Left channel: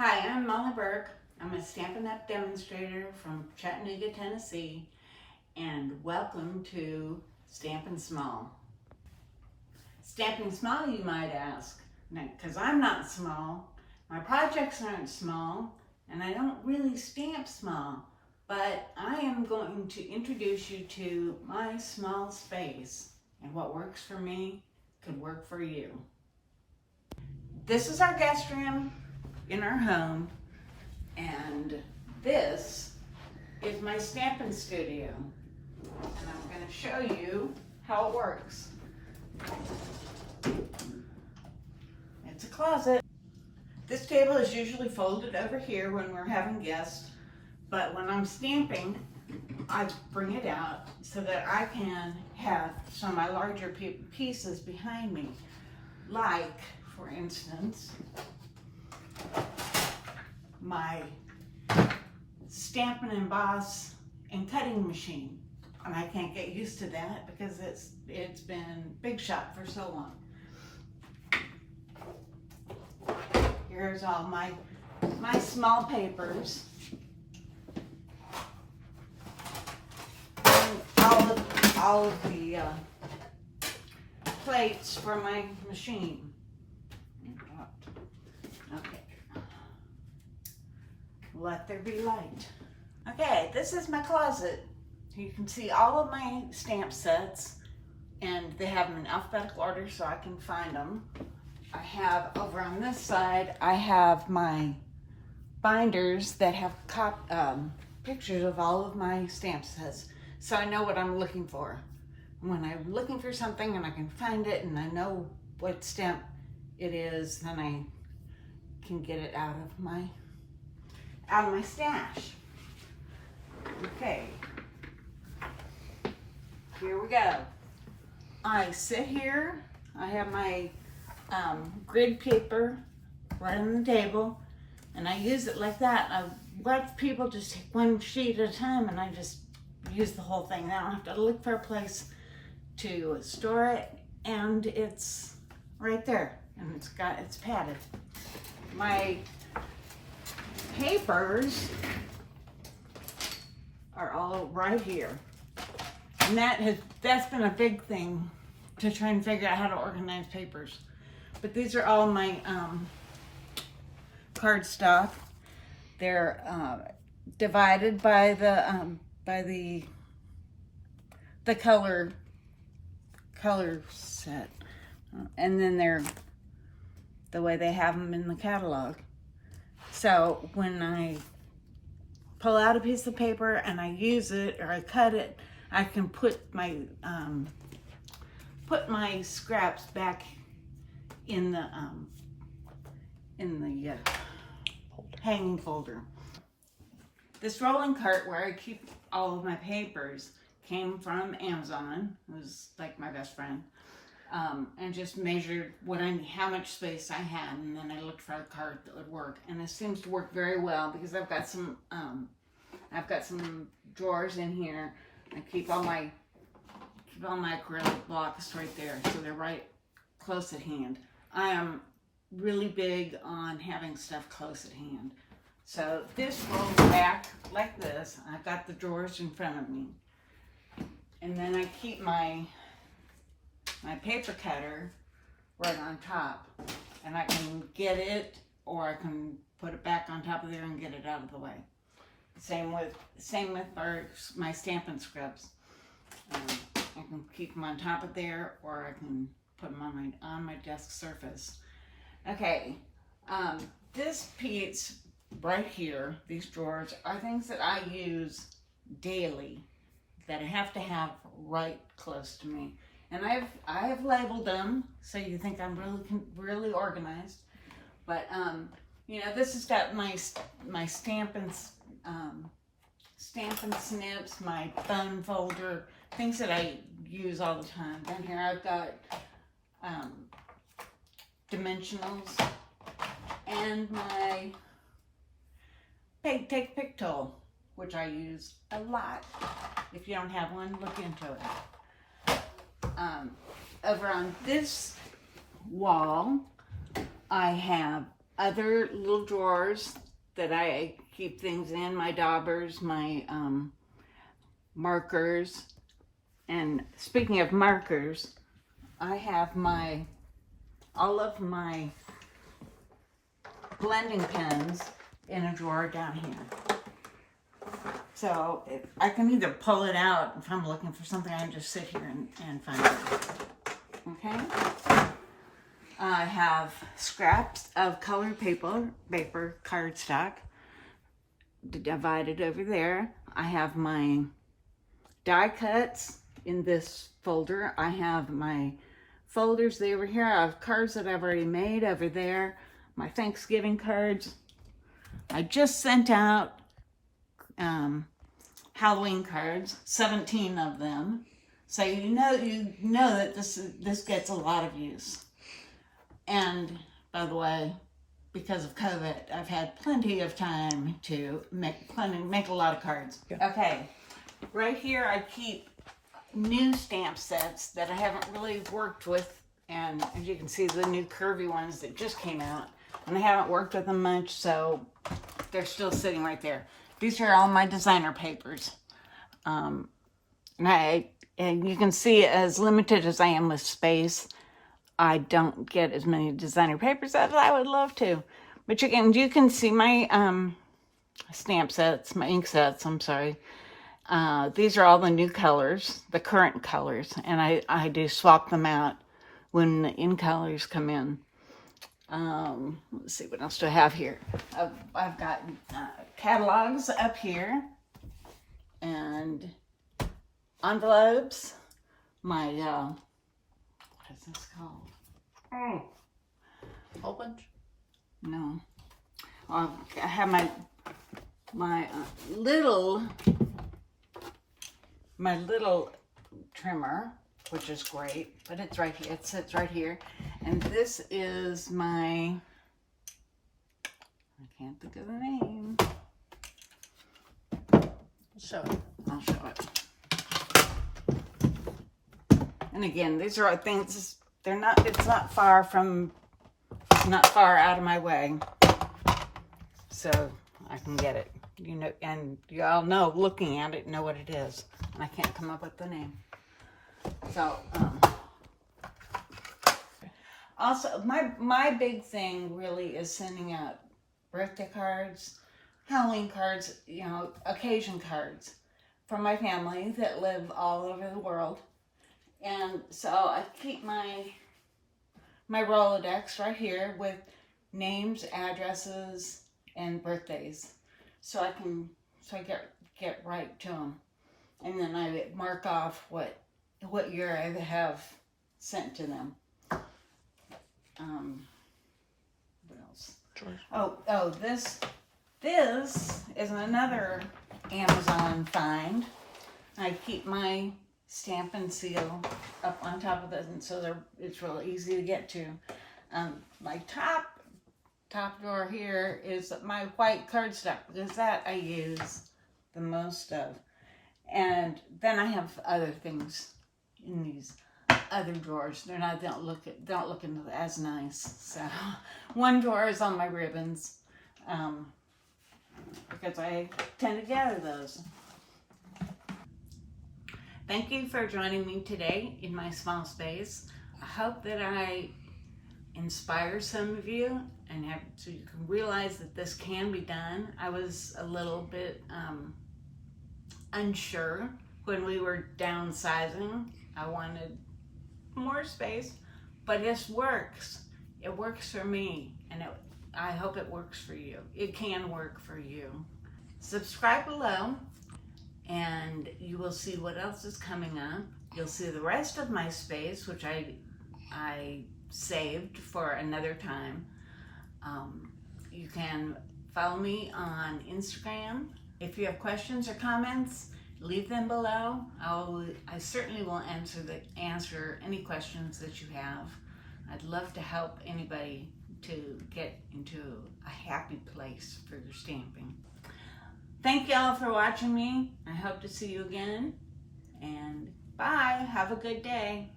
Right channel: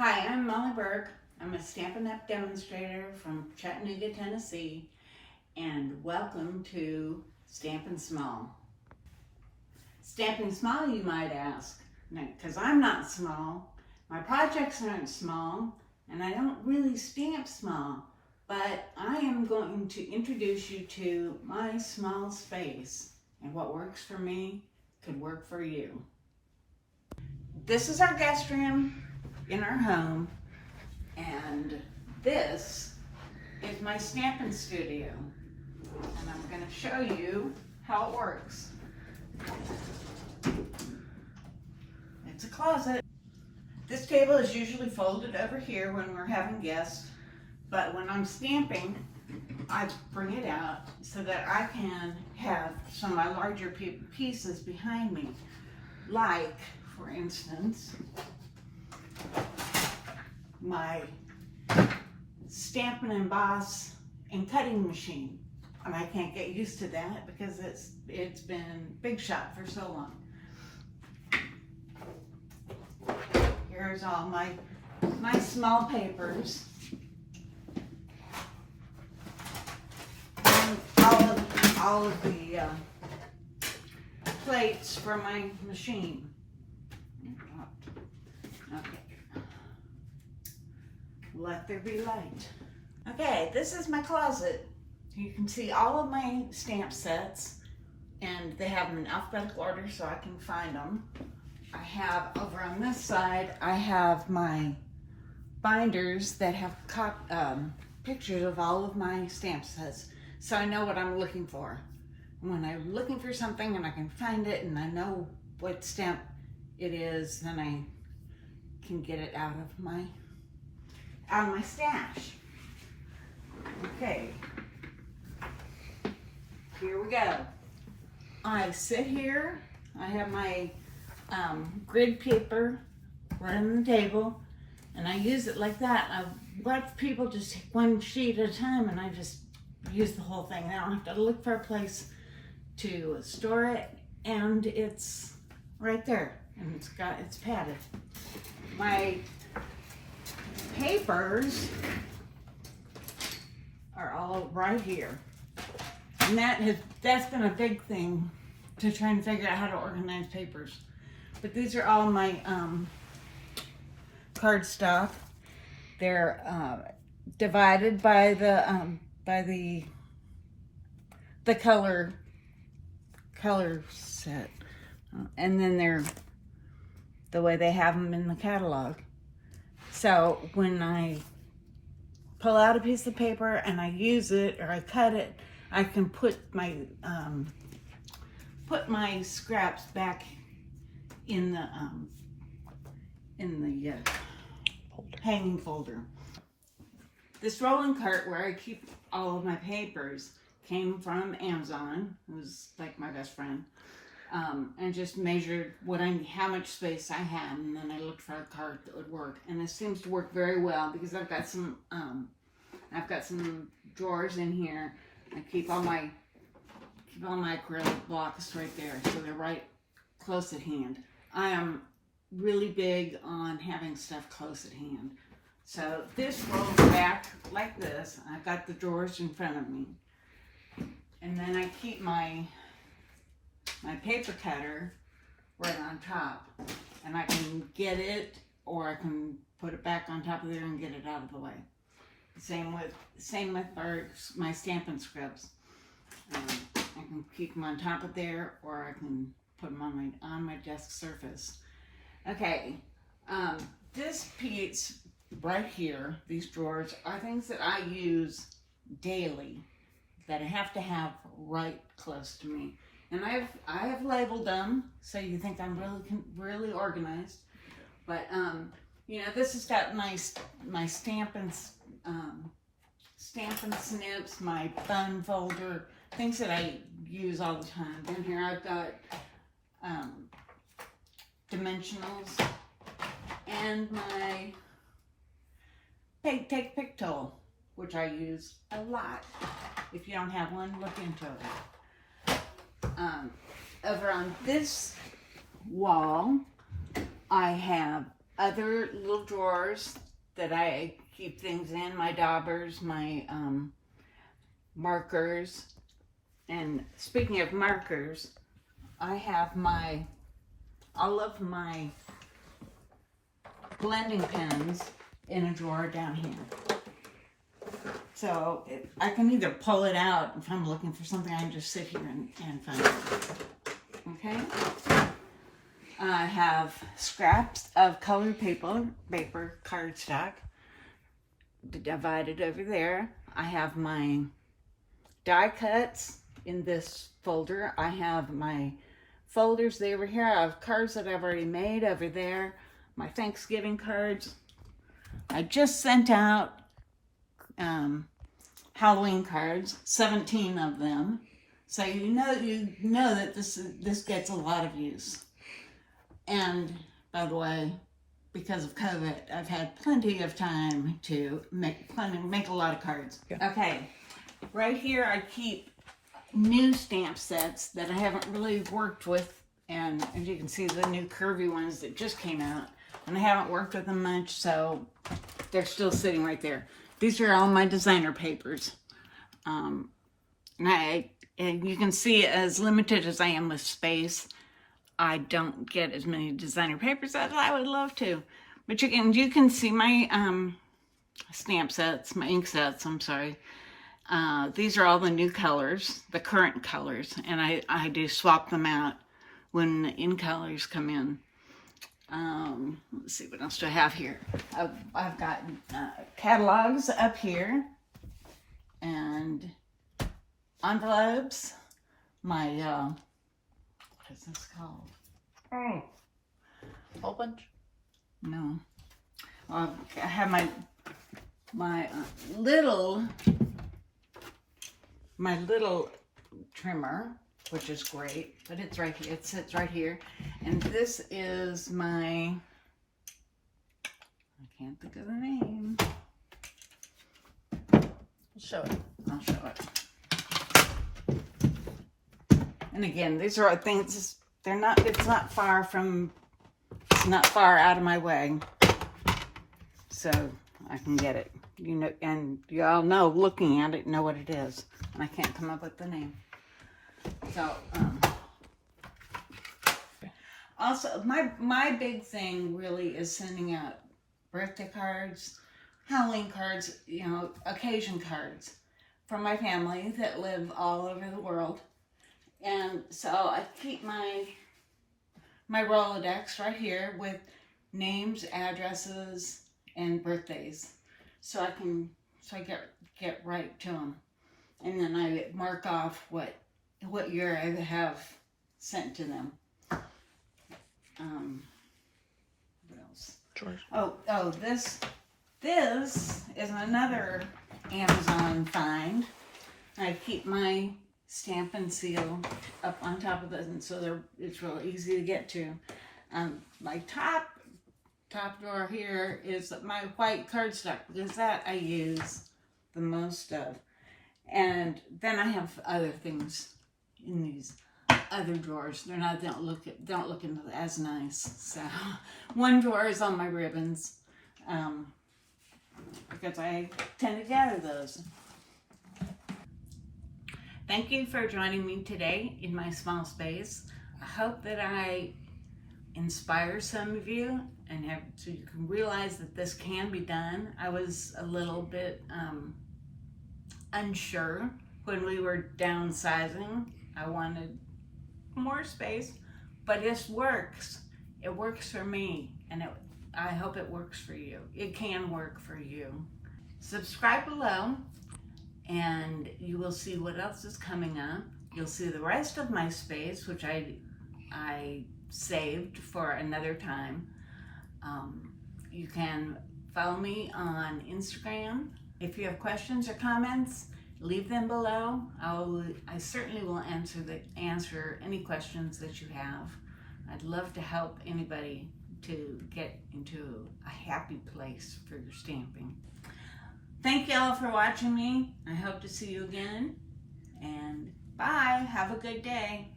Hi, I'm Molly Burke. I'm a Stampin' Up! Demonstrator from Chattanooga, Tennessee, and welcome to Stampin' Small. Stamping Small, you might ask, because I'm not small, my projects aren't small, and I don't really stamp small, but I am going to introduce you to my small space, and what works for me could work for you. This is our guest room in our home, and this is my stamping studio, and I'm going to show you how it works. It's a closet. This table is usually folded over here when we're having guests, but when I'm stamping, I bring it out so that I can have some of my larger pieces behind me, like, for instance, my Stampin' Emboss and cutting machine. And I can't get used to that because it's been big shot for so long. Here's all my small papers. And all of the plates for my machine. Okay. Let there be light. Okay, this is my closet. You can see all of my stamp sets, and they have them in alphabetical order so I can find them. I have over on this side, I have my binders that have pictures of all of my stamp sets, so I know what I'm looking for. When I'm looking for something and I can find it and I know what stamp it is, then I can get it out of my stash. Okay, here we go. I sit here, I have my grid paper right on the table, and I use it like that. I let people just take one sheet at a time, and I just use the whole thing. I don't have to look for a place to store it, and it's right there, and it's padded. My papers are all right here, and that's been a big thing to try and figure out how to organize papers. But these are all my card stock. They're divided by the color set, and then they're the way they have them in the catalog. So when I pull out a piece of paper and I use it or I cut it, I can put my scraps back in the hanging folder. This rolling cart where I keep all of my papers came from Amazon. It was like my best friend. And just measured how much space I had, and then I looked for a cart that would work. And this seems to work very well because I've got some drawers in here. I keep all my acrylic blocks right there, so they're right close at hand. I am really big on having stuff close at hand. So this rolls back like this. I've got the drawers in front of me, and then I keep my paper cutter right on top, and I can get it, or I can put it back on top of there and get it out of the way. Same with my Stampin' Scrubs. I can keep them on top of there, or I can put them on my desk surface. Okay, this piece right here, these drawers, are things that I use daily that I have to have right close to me. And I have labeled them so you think I'm really organized. But you know, this has got my Stampin' Snips, my bun folder, things that I use all the time. Then here I've got dimensionals and my take pick tool, which I use a lot. If you don't have one, look into it. Over on this wall, I have other little drawers that I keep things in, my daubers, my markers. And speaking of markers, I have all of my blending pens in a drawer down here. So I can either pull it out if I'm looking for something. I can just sit here and find it. Okay. I have scraps of colored paper cardstock divided over there. I have my die cuts in this folder. I have my folders over here. I have cards that I've already made over there. My Thanksgiving cards. I just sent out Halloween cards, 17 of them. So you know that this gets a lot of use. And by the way, because of COVID, I've had plenty of time to make a lot of cards. Yeah. Okay, right here I keep new stamp sets that I haven't really worked with, and as you can see, the new curvy ones that just came out, and I haven't worked with them much, so they're still sitting right there. These are all my designer papers. And you can see, as limited as I am with space, I don't get as many designer papers as I would love to. But you can see my stamp sets, my ink sets, I'm sorry. These are all the new colors, the current colors, and I do swap them out when the in colors come in. Let's see, what else do I have here? I've got catalogs up here and envelopes. My what is this called? Oh, Whole bunch? No. I have my little trimmer, which is great, but it's right here. It sits right here. And this is my, I can't think of the name. I'll show it. I'll show it. And again, these are things, it's not far out of my way. So I can get it. You know, and you all know, looking at it, know what it is. And I can't come up with the name. So, also, my big thing really is sending out birthday cards, Halloween cards, you know, occasion cards from my family that live all over the world. And so I keep my Rolodex right here with names, addresses, and birthdays. So I get right to them. And then I mark off what year I have sent to them. What else? George. Oh, this is another Amazon find. I keep my stamp and seal up on top of this, and so it's real easy to get to. My top drawer here is my white cardstock, because that I use the most of. And then I have other things in these other drawers. Don't look as nice. So one drawer is on my ribbons, because I tend to gather those. Thank you for joining me today in my small space. I hope that I inspire some of you so you can realize that this can be done. I was a little bit unsure when we were downsizing. I wanted more space, but this works. It works for me, and I hope it works for you. It can work for you. Subscribe below, and you will see what else is coming up. You'll see the rest of my space, which I saved for another time. You can follow me on Instagram. If you have questions or comments, leave them below. I certainly will answer any questions that you have. I'd love to help anybody to get into a happy place for your stamping. Thank y'all for watching me. I hope to see you again. And bye. Have a good day.